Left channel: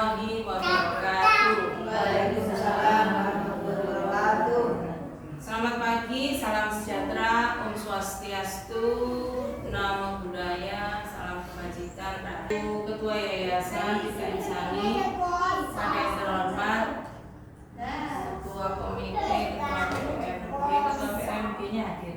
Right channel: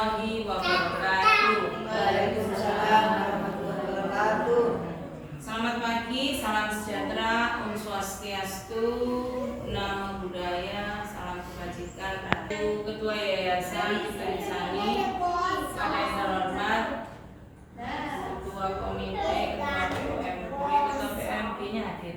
warahmatullahi wabarakatuh. Waalaikumsalam warahmatullahi wabarakatuh. Selamat pagi, salam sejahtera, Om Swastiastu, Namo Buddhaya, salam kebajikan. Aku Ketua Yayasan Tika Insani, pada yang terhormat Ketua Komite, Ketua PMP, Ketua PMP-nya hadir.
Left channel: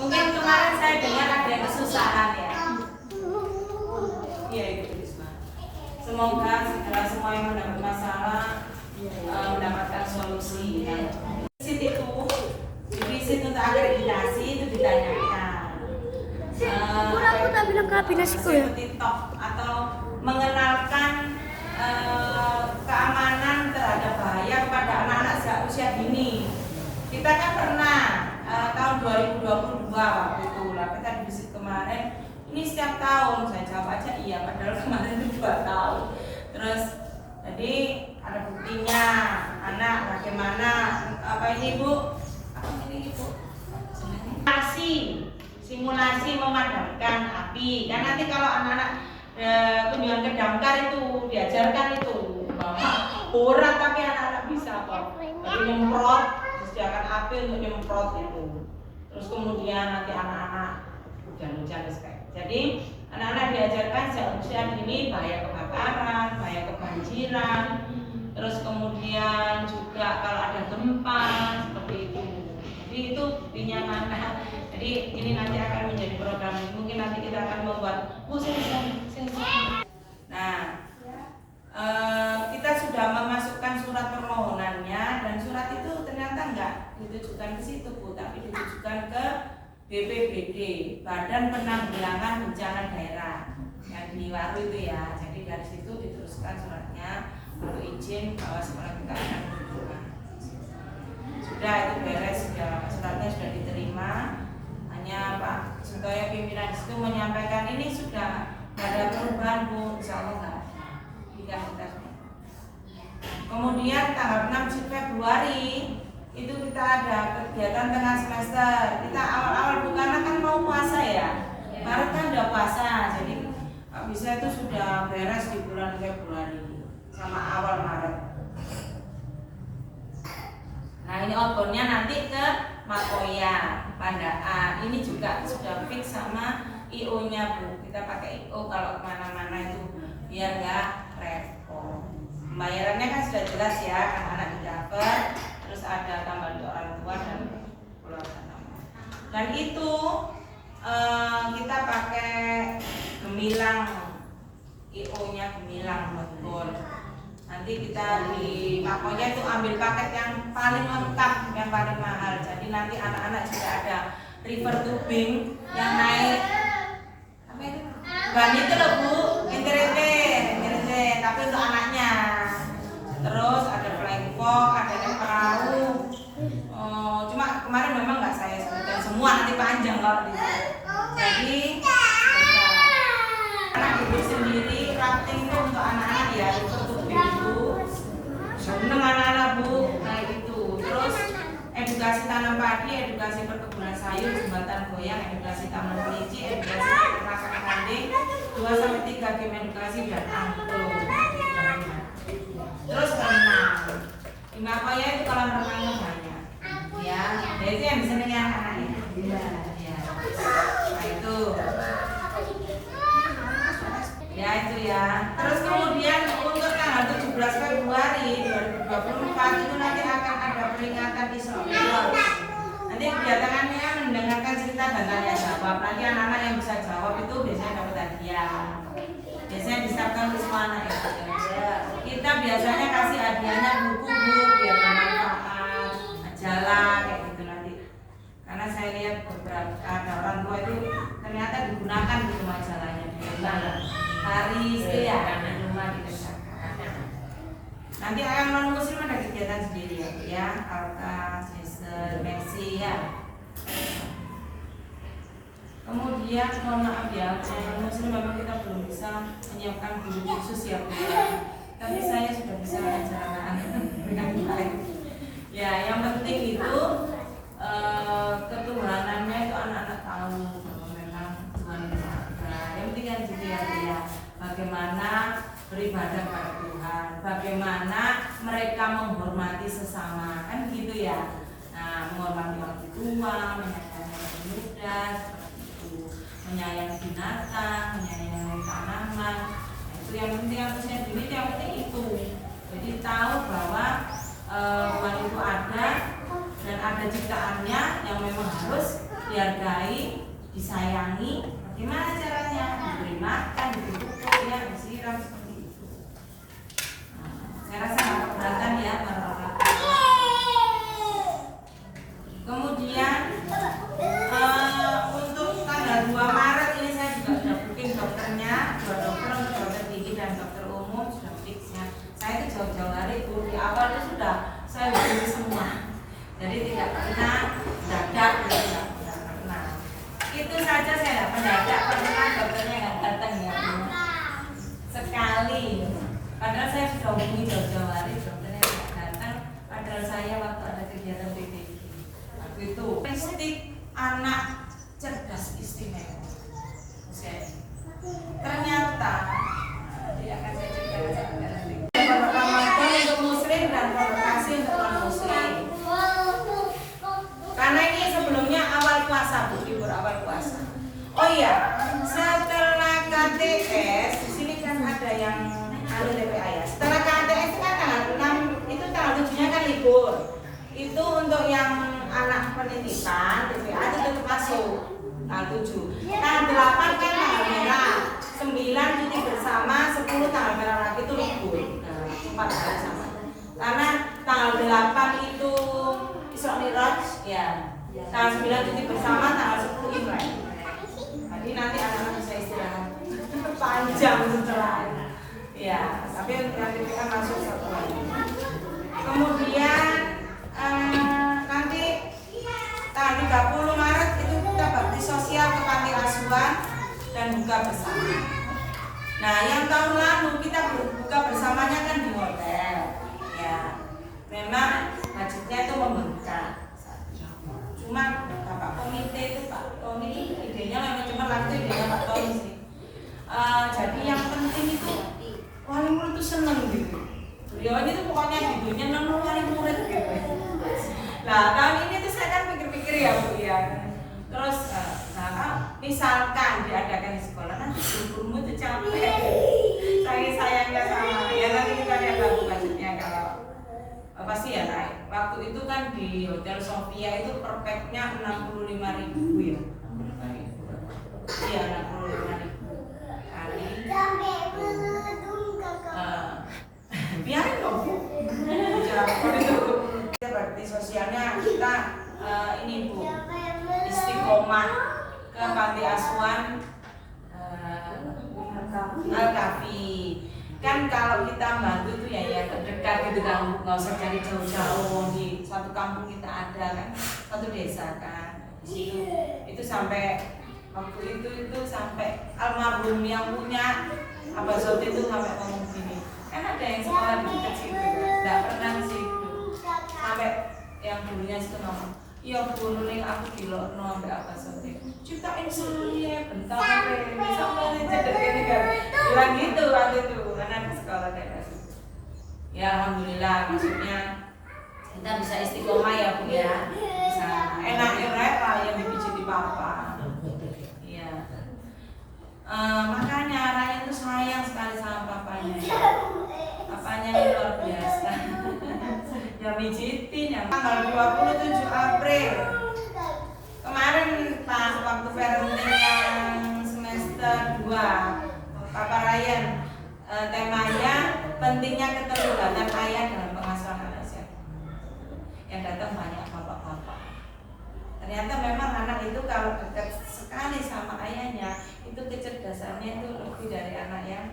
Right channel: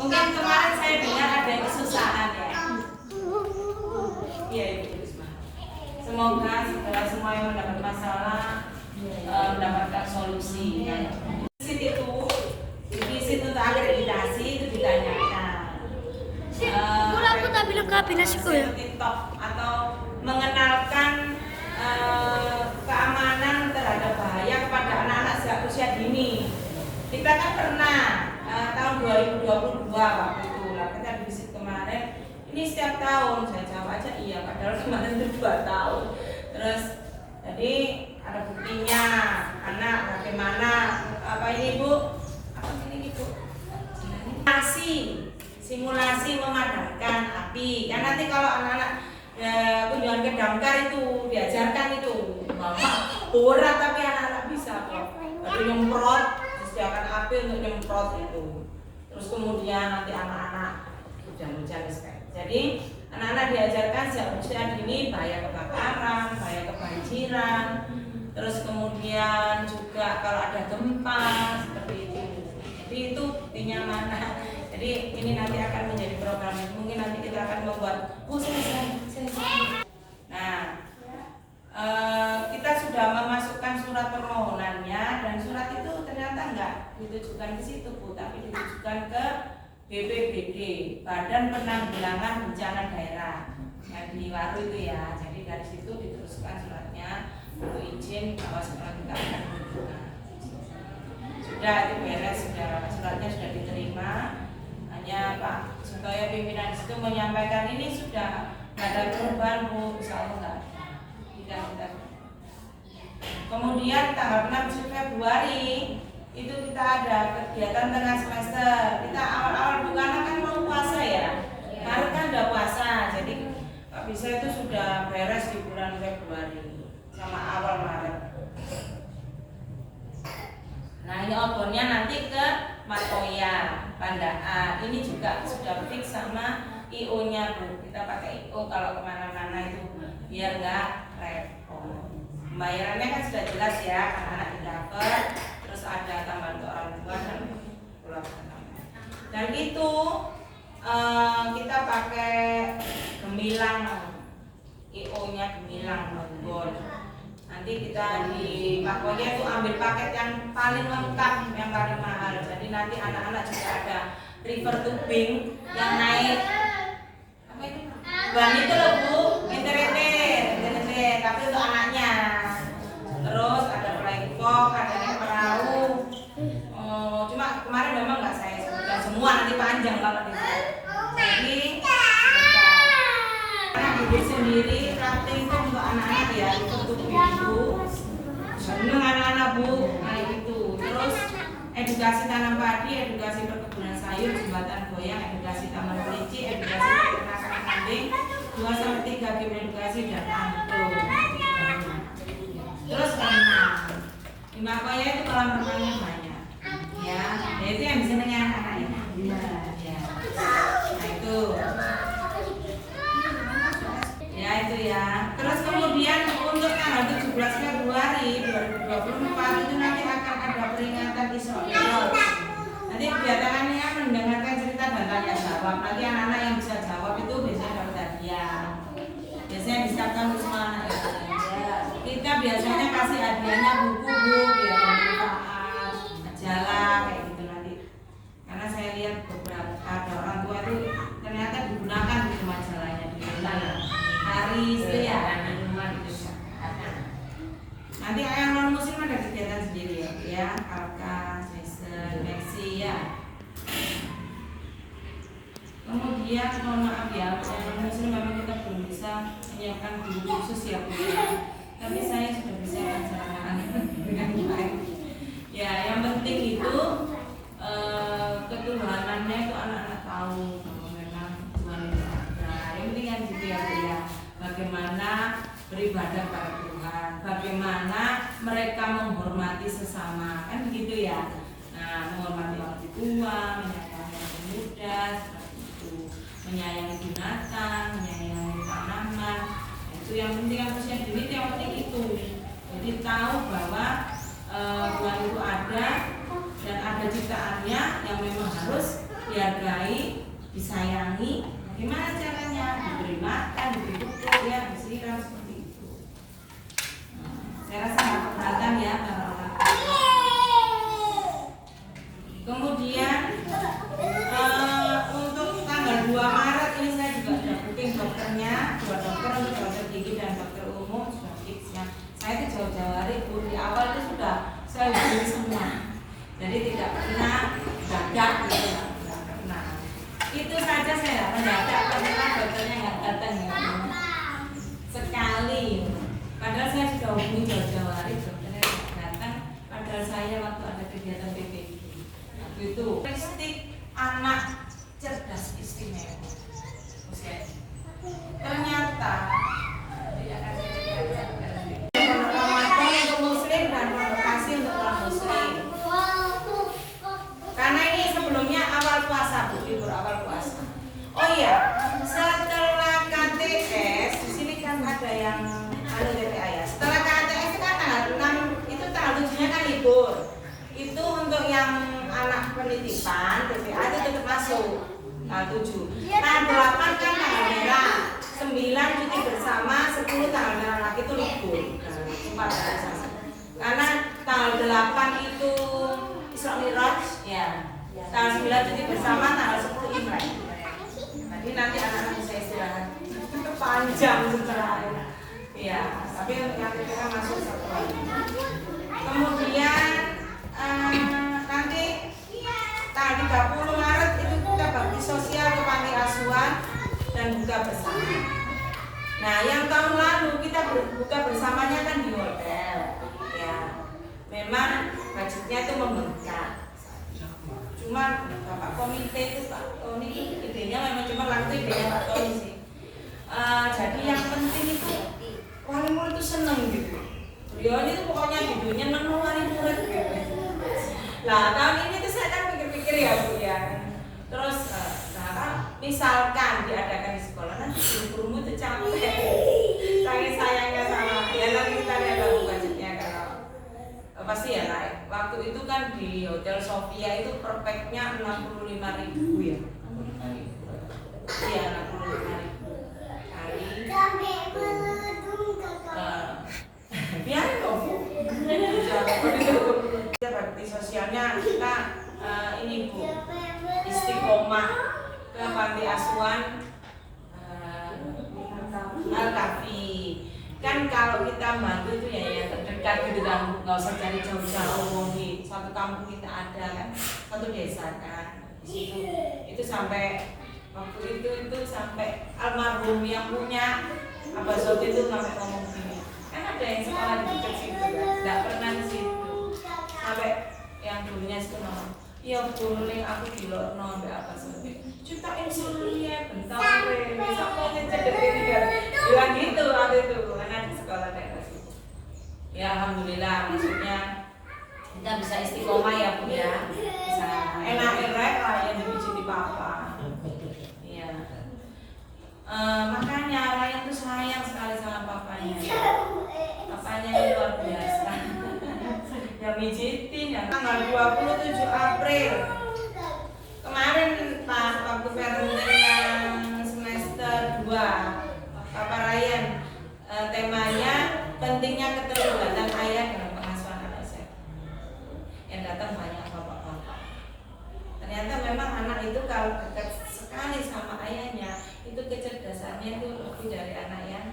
Mungkin kemarin saya dengar ada kesusahan ya. Iya Ibu Risma. Semoga segala semua yang mendapat masalah mendapatkan solusi. Itu visit untuk akreditasi itu ditanyakan. Aku tak bilang ke aplikasiku ya. TikTok atau mengenalkan keamanan terhadap bahaya kepada anak-anak sejak usia dini. Kita kan pernah tahun 2022 waktu itu lah kita visit kemarin. Ini setiap tahun saya jawab aja iya, padahal kemarin itu 2 tahun. Terus jadi ada buktinya anak bagaimana apa ini Bu? Apa ini Bu? Simulasi memadamkan api. Kan nanti kalau anak-anak kunjungan ke damkar itu diajarkan itu bahwa borak tapi anak-anak bisa kok. Tapi nyemprot, disediakan api untuk nyemprot itu. Terus kemudian nanti anak-anak hujan-hujan kayak. Jadi anak-anak diajarkan sejak usia dini bahaya kebakaran, bahaya kebanjiran. Terus kemudian juga kalau ada gempa seperti itu. Jadi itu buktinya mana. Jadi ini nanti akan menjadi program. Mungkin nanti kita akan membuat Nah, kita sudah memasukkan surat permohonannya dan surat itu ternyata enggak ditujukan ke situ Bu, tapi ditujukan ke BPBD, Badan Penanggulangan Bencana Daerah yang di Waru itu ya. Jadi dari situ diteruskan suratnya untuk izin bahwa sekolah kita akan dibuka. Sudah itu beres, suratnya sudah diterima. Hanya Pak Sutoyo pimpinan itu menyampaikan ini sudah ada perubahan Bu, insya Allah tidak. Kemudian tanggal 6 Februari itu kita ada kegiatan tengah semester. Kita awal-awal Bu karena kan mau puasa ya. Maret kan udah puasa, jadi Pak Bisa itu sudah beres di bulan Februari sama awal Maret. Nah ini outboundnya nanti ke Matoya, Pandaan. Ini juga sudah fix sama IO-nya Bu. Kita pakai IO kalau kemana-mana itu biar nggak repot. Pembayarannya kan sudah jelas ya, anak-anak didapat. Terus ada tambah untuk orang tua dan keluarga. Dan itu kita pakai gemilang, IO-nya gemilang outbound. Nanti kita di Pakoya itu ambil paket yang paling lengkap, yang paling mahal. Jadi nanti anak-anak juga ada river tubing yang naik apa itu? Ban itu loh Bu, internet, tapi untuk anaknya. Terus ada flying fox, ada naik perahu. Cuma kemarin memang nggak saya sebutkan semua, nanti panjang kalau di sini. Jadi anak ibu sendiri rafting itu untuk anak-anak ya, river tubing itu seneng anak-anak Bu, nah itu. Terus edukasi tanam padi, edukasi perkebunan sayur, jembatan goyang, edukasi taman kelinci, edukasi peternakan kambing, 2-3 game edukasi dan angklung. Terus renang. Di Makoya itu kolam renangnya banyak. Ya, itu yang disenangi anak-anaknya. Ya. Nah itu. Ya itu ya. Terus kemudian untuk tanggal 17 Februari 2024 itu nanti akan ada peringatan Isra Mi'raj. Nanti kedatangannya mendengarkan cerita dan tanya jawab. Nanti anak-anak yang bisa jawab itu biasanya dapat hadiah. Biasanya disiapkan untuk semua anak ya. Kita biasanya kasih hadiahnya buku-buku biar bermanfaat, majalah kayak gitu nanti. Karena saya lihat beberapa ada orang tua itu ternyata digunakan gitu majalahnya di rumah. Hari itu ya di rumah gitu. Nanti yang non muslim ada kegiatan sendiri ya, Alka, Jason, Maxi ya. Kemudian mohon maaf ya, yang non muslim memang kita belum bisa menyiapkan guru khusus ya Bu. Tapi saya sudah bisa mengajarkan dengan baik. Ya, yang penting itu ketuhanannya itu anak-anak tahu bahwa memang Tuhan itu ada. Yang penting kan gitu ya Bu ya. Bagaimana beribadah pada Tuhan, bagaimana mereka menghormati sesama, kan begitu ya. Nah, menghormati orang tua, menyayangi orang muda, seperti itu, menyayangi binatang, menyayangi tanaman. Nah, itu yang penting, harusnya diri itu yang penting itu. Jadi tahu bahwa Tuhan itu ada dan ada ciptaannya yang memang harus dihargai, disayangi. Gimana caranya? Diberi makan, diberi pupuk, ya, disiram seperti itu. Saya rasa nggak keberatan ya para orang tua. Kemudian untuk tanggal 2 Maret ini saya juga sudah booking dokternya, 2 dokter untuk dokter gigi dan dokter umum sudah fix ya. Saya itu jauh-jauh hari Bu, di awal itu sudah saya hubungi semua. Jadi tidak pernah dadak gitu, tidak pernah. Itu saja saya tidak mendadak, pernah dokternya nggak datang ya Bu. Sekali. Padahal saya sudah hubungi jauh-jauh hari, dokternya tidak datang. Padahal saya waktu ada kegiatan PPG itu statistik anak cerdas istimewa. Oke. Ternyata dia akan saya ceritakan Ramadan untuk muslim dan provokasi untuk non muslim. Karena ini sebelumnya awal puasa, Bu, libur awal puasa. Oh iya, setelah KTS di sini kan ada yang TPA ya. Setelah KTS kan tanggal 6 itu tanggal 7-nya kan libur. Itu untuk yang anak penitipan TPA itu tetap masuk tanggal 7. Tanggal 8 kan tanggal merah, 9 cuti bersama, 10 tanggal merah lagi itu libur. Nah, 4 hari sama. Karena tanggal 8 itu Isra Mi'raj ya. Tanggal 9 cuti bersama, tanggal 10 Imlek. Jadi nanti anak-anak bisa istirahat panjang setelah ya, tapi nanti kita masuk satu hari. Kemudian nanti tanggal 30 Maret itu kita bakti sosial ke panti asuhan dan buka bersama. Nah, yang tahun lalu kita buka bersamanya kan di hotel. Ya, memang budgetnya itu membengkak. Cuma Bapak komite itu Pak Tony idenya memang cuma laku idenya Pak Tony sih. Jadi yang penting itu wali murid itu seneng gitu. Beliau ini tuh pokoknya judulnya nemu wali murid gitu. Nah, tahun ini tuh saya kan pikir-pikir ya Bu ya. Terus misalkan diadakan di sekolah, nanti gurumu itu capek. Sayangnya sama ya, nanti kita lihat lagu budgetnya kalau pasti ya naik. Waktu itu kan di Hotel Sofia itu per pack-nya 65.000 ya. 65.000. Iya, 65.000. Biarin dong Bu. Bakti sosialnya kita ini Bu, istiqomah ke panti asuhan Al-Kafi. Kan kalau kita bantu itu ya terdekat gitu kan, nggak usah cari jauh-jauh, di suatu kampung kita ada kan, satu desa kan. Di situ itu sampai waktu itu sampai almarhum yang punya Abah Sofi itu sampai ngomong gini, kan ada yang sekolah di dekat situ, nggak pernah sih, sampai yang dulunya itu ngomong, iya Bu Nuling aku dilokno mbak Abah Sofi, ciptain sendiri bentar ini sampai cedek ini kan, bilang gitu waktu itu, karena di sekolah daerah situ. Ya alhamdulillah, maksudnya kita bisa istiqomah ya Bu ya, bisa enak-enak lah yang dipijitin papa. Makanya Ryan itu sayang sekali sama papanya. Papanya itu luar biasa. Ya mijitin ya. Tanggal 27 April kemarin pas waktu parenting yang semester 2 Papa Ryan, temanya pentingnya keterlibatan ayah dalam pengasuhan anak saya. Yang datang banyak bapak-bapak. Ternyata memang anak itu kalau dekat sekali sama ayahnya, itu kecerdasannya itu lebih dari anak yang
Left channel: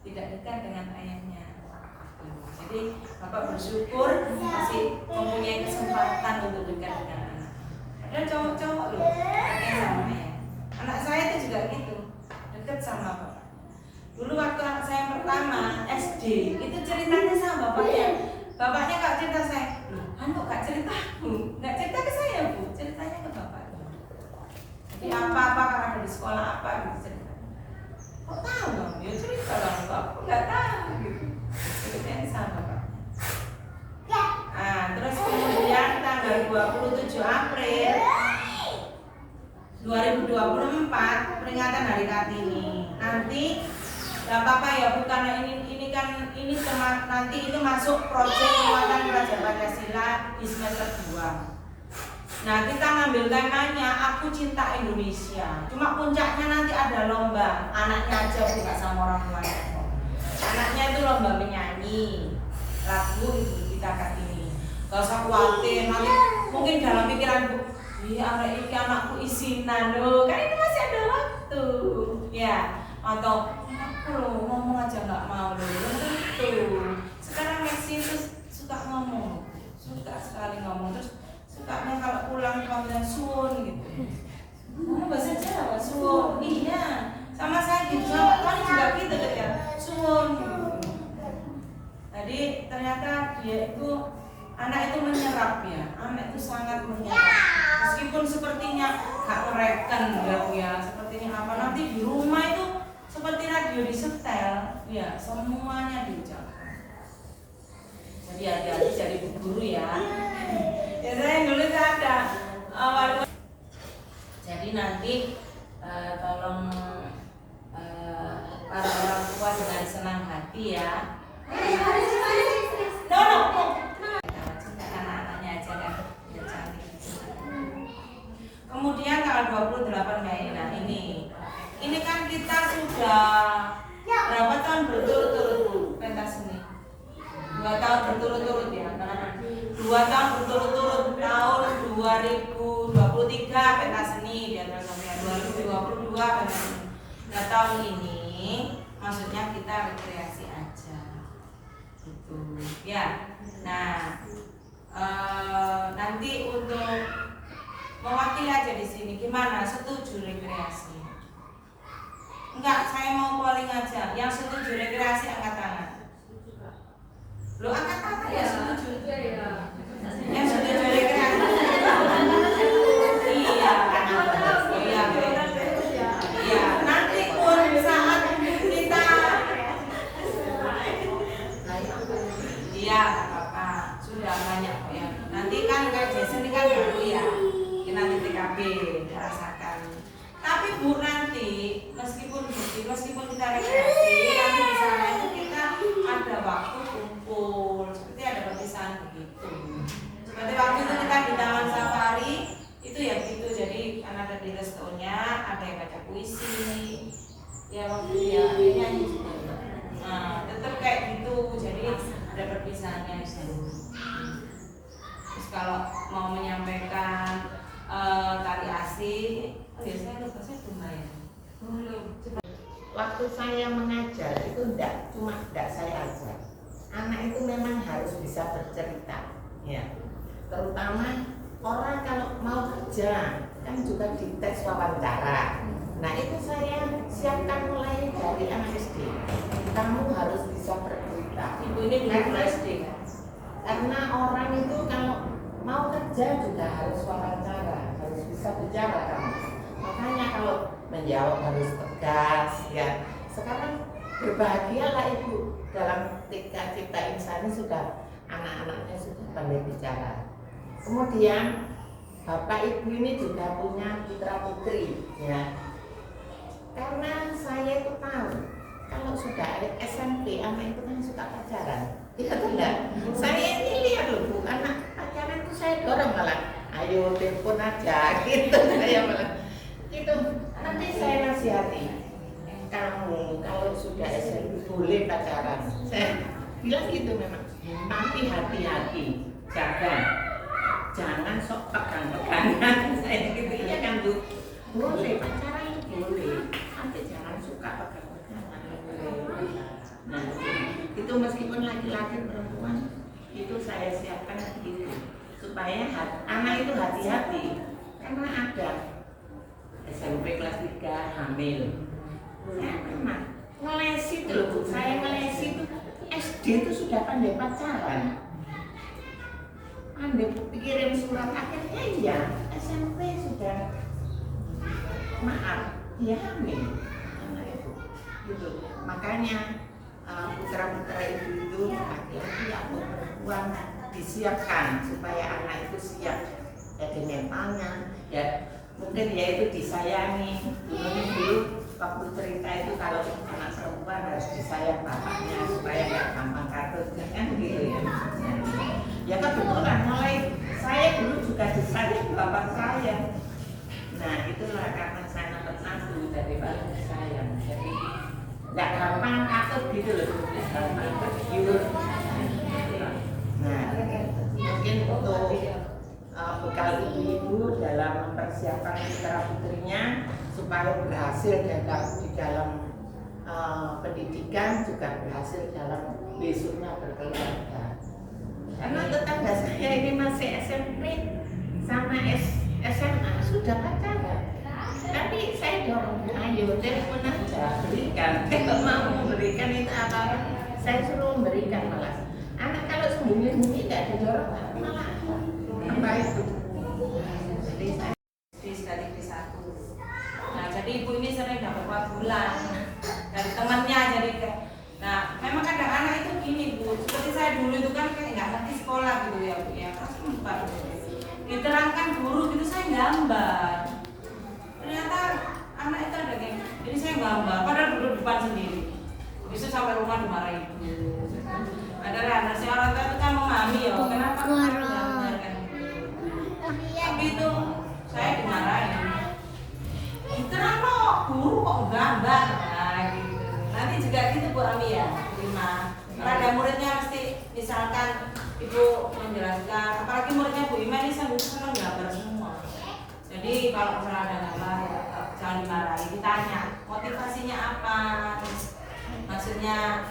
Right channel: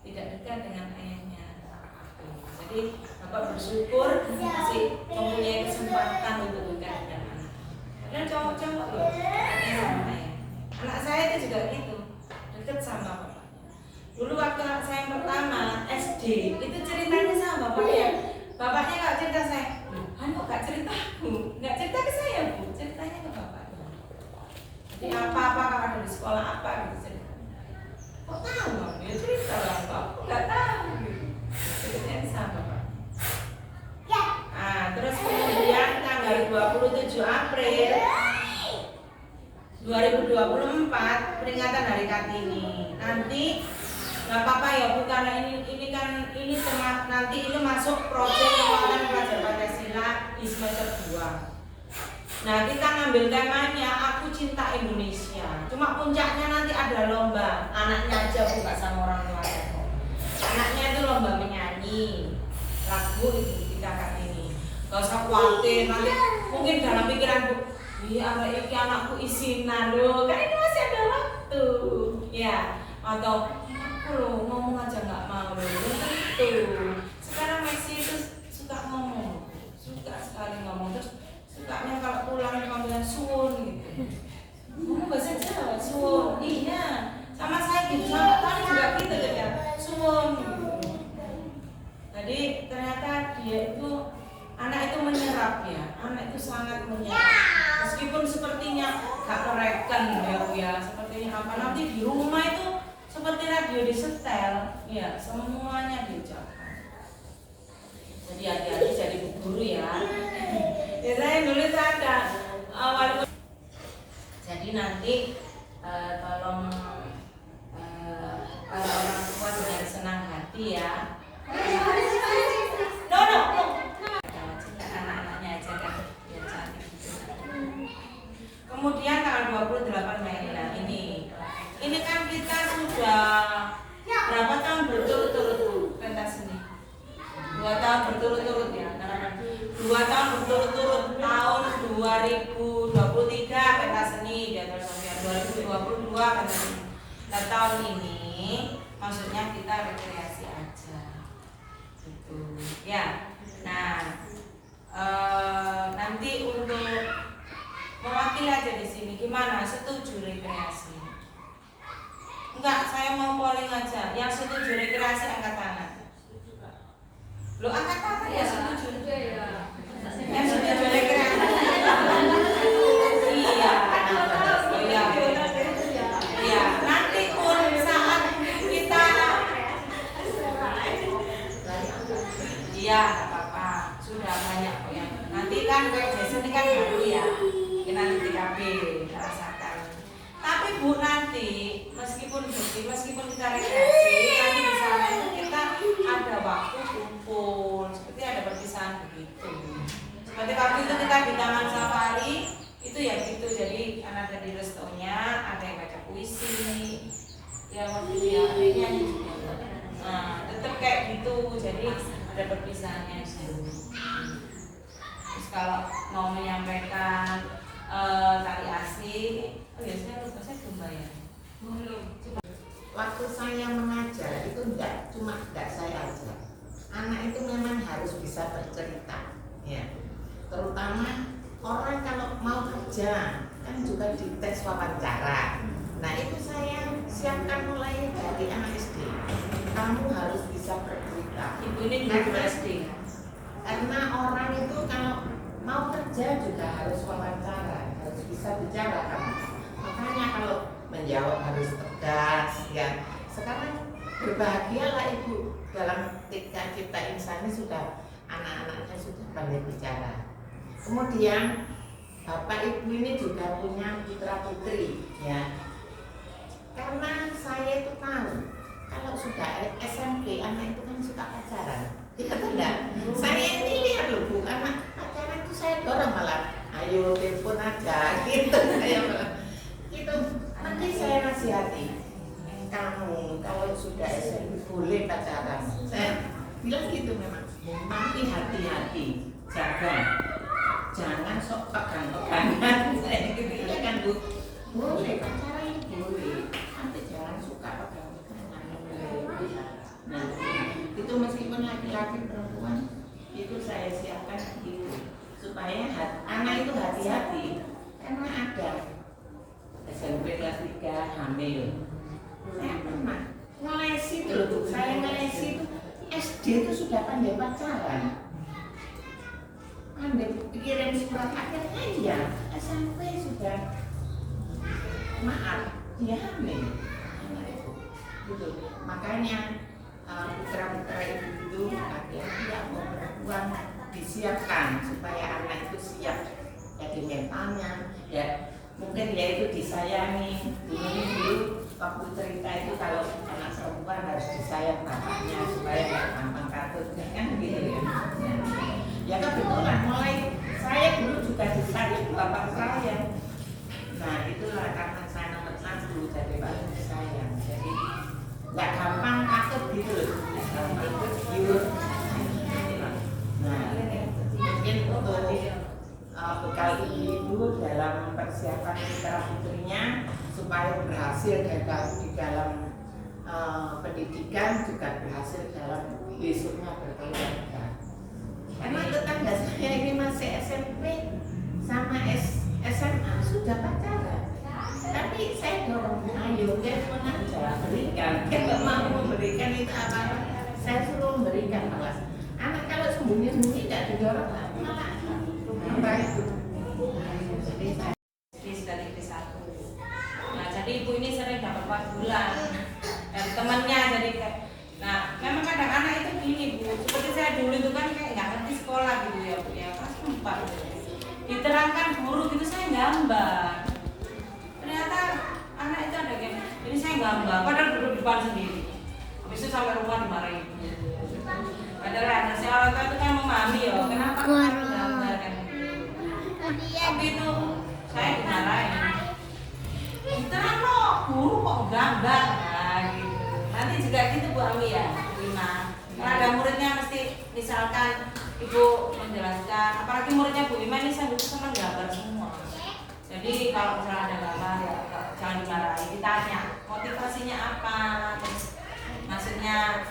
tidak dekat dengan ayahnya. Jadi Bapak bersyukur masih mempunyai kesempatan untuk dekat dengan anak. Dan cowok-cowok loh, dekat sama ayah. Anak saya itu juga gitu, dekat sama bapak. Dulu waktu anak saya pertama SD, itu ceritanya sama bapaknya. Bapaknya gak cerita saya, anu gak cerita aku, gak cerita ke saya Bu, ceritanya ke bapak. Jadi apa-apa kalau ada di sekolah apa gitu cerita. Kok tahu Bang? Ya cerita lah, aku nggak tahu 2024 peringatan Hari Kartini. Nanti nggak apa-apa ya Bu, karena ini nanti ini masuk proyek penguatan pelajar Pancasila di semester 2. Nah, kita ngambil temanya Aku Cinta Indonesia. Cuma puncaknya nanti ada lomba. Anaknya aja Bu, nggak sama orang tuanya. Anaknya itu lomba menyanyi lagu itu kita Kartini. Gak usah khawatir, nanti mungkin dalam pikiran Bu, iya ini anakku isinan loh, kan ini masih ada waktu. Ya, atau aku loh ngomong aja nggak mau loh, tentu. Sekarang Messi itu suka ngomong, suka sekali ngomong, terus sukanya kalau pulang kalau bilang suwun gitu. Ngomong bahasa Jawa, suwun. Iya, sama saya gitu, sama Tony juga gitu kan, suwun. Jadi ternyata dia itu anak itu menyerap ya, anak itu sangat menyerap. Meskipun sepertinya gak mereken ya Bu ya, sepertinya apa nanti di rumah itu seperti radio disetel, ya semuanya diucapkan. Jadi hati-hati jadi guru ya. Ya saya dulu ada jadi nanti tolong para orang tua dengan senang hati ya. Anak-anaknya aja kan biar cantik. Kemudian tanggal 28 Mei, nah ini kan kita sudah berapa tahun berturut-turut pentas seni? 2 tahun berturut-turut ya, 2 tahun berturut-turut tahun 2023 pentas seni dan 2022 pentas seni. Nah tahun ini maksudnya kita rekreasi aja gitu ya. Nah nanti untuk mewakili aja di sini gimana, setuju rekreasi? Enggak, saya mau polling aja. Yang setuju rekreasi angkat tangan. Lo angkat tangan ya setuju. Yang setuju rekreasi. Iya. Oh iya. Iya, nanti pun saat kita iya, enggak apa-apa. Sudah banyak kok ya. Nanti kan kayak Jason ini kan baru ya. Kita nanti TKB rasakan. Tapi Bu nanti meskipun kita rekreasi, nanti di sana itu kita ada waktu kumpul, seperti ada perpisahan begitu. Seperti waktu itu kita di Taman Safari itu ya gitu. Jadi kan ada di restonya, ada yang baca puisi, ya waktu itu ya ada nyanyi juga. Nah, tetap kayak gitu. Jadi ada perpisahannya itu. Terus kalau mau menyampaikan tari asih, oh ya saya lupa, saya belum bayar. Belum. Waktu saya mengajar itu tidak saya ajar. Anak itu memang harus bisa bercerita, ya. Terutama orang kalau mau kerja kan juga dites wawancara. Nah itu saya siapkan mulai dari anak SD. Kamu harus bisa bercerita. Ibu ini guru SD. Karena orang itu kalau mau kerja juga harus wawancara, harus bisa bicara kamu. Makanya kalau menjawab harus tegas ya. Sekarang berbahagialah ibu dalam ketika Cipta Insani sudah anak-anaknya sudah pandai bicara. Kemudian bapak ibu ini juga punya putra putri ya. Karena saya itu tahu kalau sudah SMP anak itu kan suka pacaran. Iya tidak? Saya ini lihat loh Bu, anak pacaran itu saya dorong malah, ayo telepon aja gitu saya malah. Itu nanti saya nasihati, kamu kalau sudah SMP boleh pacaran. Saya bilang gitu memang. Tapi hati-hati, jaga, jangan sok pegang-pegangan. Saya gitu ya kan Bu. Boleh pacaran itu boleh, tapi jangan suka pegang-pegangan. Nah, itu meskipun laki-laki perempuan itu saya siapkan gitu supaya anak itu hati-hati karena ada SMP kelas 3 hamil. Saya pernah ngelesi itu loh Bu, saya ngelesi itu SD itu sudah pandai pacaran, pandai kirim surat, akhirnya ya SMP sudah maaf dia hamil anak itu gitu. Makanya putra-putra ibu itu laki-laki atau perempuan disiapkan supaya anak itu siap jadi mentalnya ya. mungkin ya itu disayangi. Dulu waktu cerita itu kalau anak perempuan harus disayang bapaknya supaya nggak gampang katut kan gitu ya. Ya kebetulan mulai saya dulu juga disayang bapak saya. Nah itulah karena saya nomor 1 jadi paling disayang. Jadi nggak gampang katut gitu loh, gampang tergiur. Nah mungkin untuk bekal ibu dalam mempersiapkan putra putrinya supaya berhasil di dalam pendidikan juga berhasil dalam besoknya berkeluarga. Karena tetangga saya ini masih SMP sama SMA sudah pacaran. Tapi saya dorong, ayo telepon aja, berikan. Kalau mau memberikan itu apa? Saya suruh memberikan malah. Anak kalau sembunyi-sembunyi tidak didorong malah apa itu. Jadi saya dari istri 1. Nah jadi ibu ini sering dapat 4 bulan dari temannya, jadi kayak, nah memang kadang anak itu gini Bu, seperti saya dulu itu kan kayak nggak ngerti sekolah gitu ya Bu ya, kelas 4 diterangkan guru gitu saya gambar, ternyata anak itu ada yang ini saya gambar padahal duduk depan sendiri, habis itu sampai rumah dimarahin ibu. Padahal anak saya awal itu kan memahami ya kenapa aku gambar kan gitu. Tapi itu saya dimarahin, terang kok guru kok gambar, nah gitu. Nanti juga gitu Bu Ami ya, terima. Kalau ada muridnya mesti misalkan ibu menjelaskan, apalagi muridnya Bu Ima ini saya senang gambar semua. Jadi kalau misalnya ada gambar ya jangan dimarahi, ditanya motivasinya apa, terus maksudnya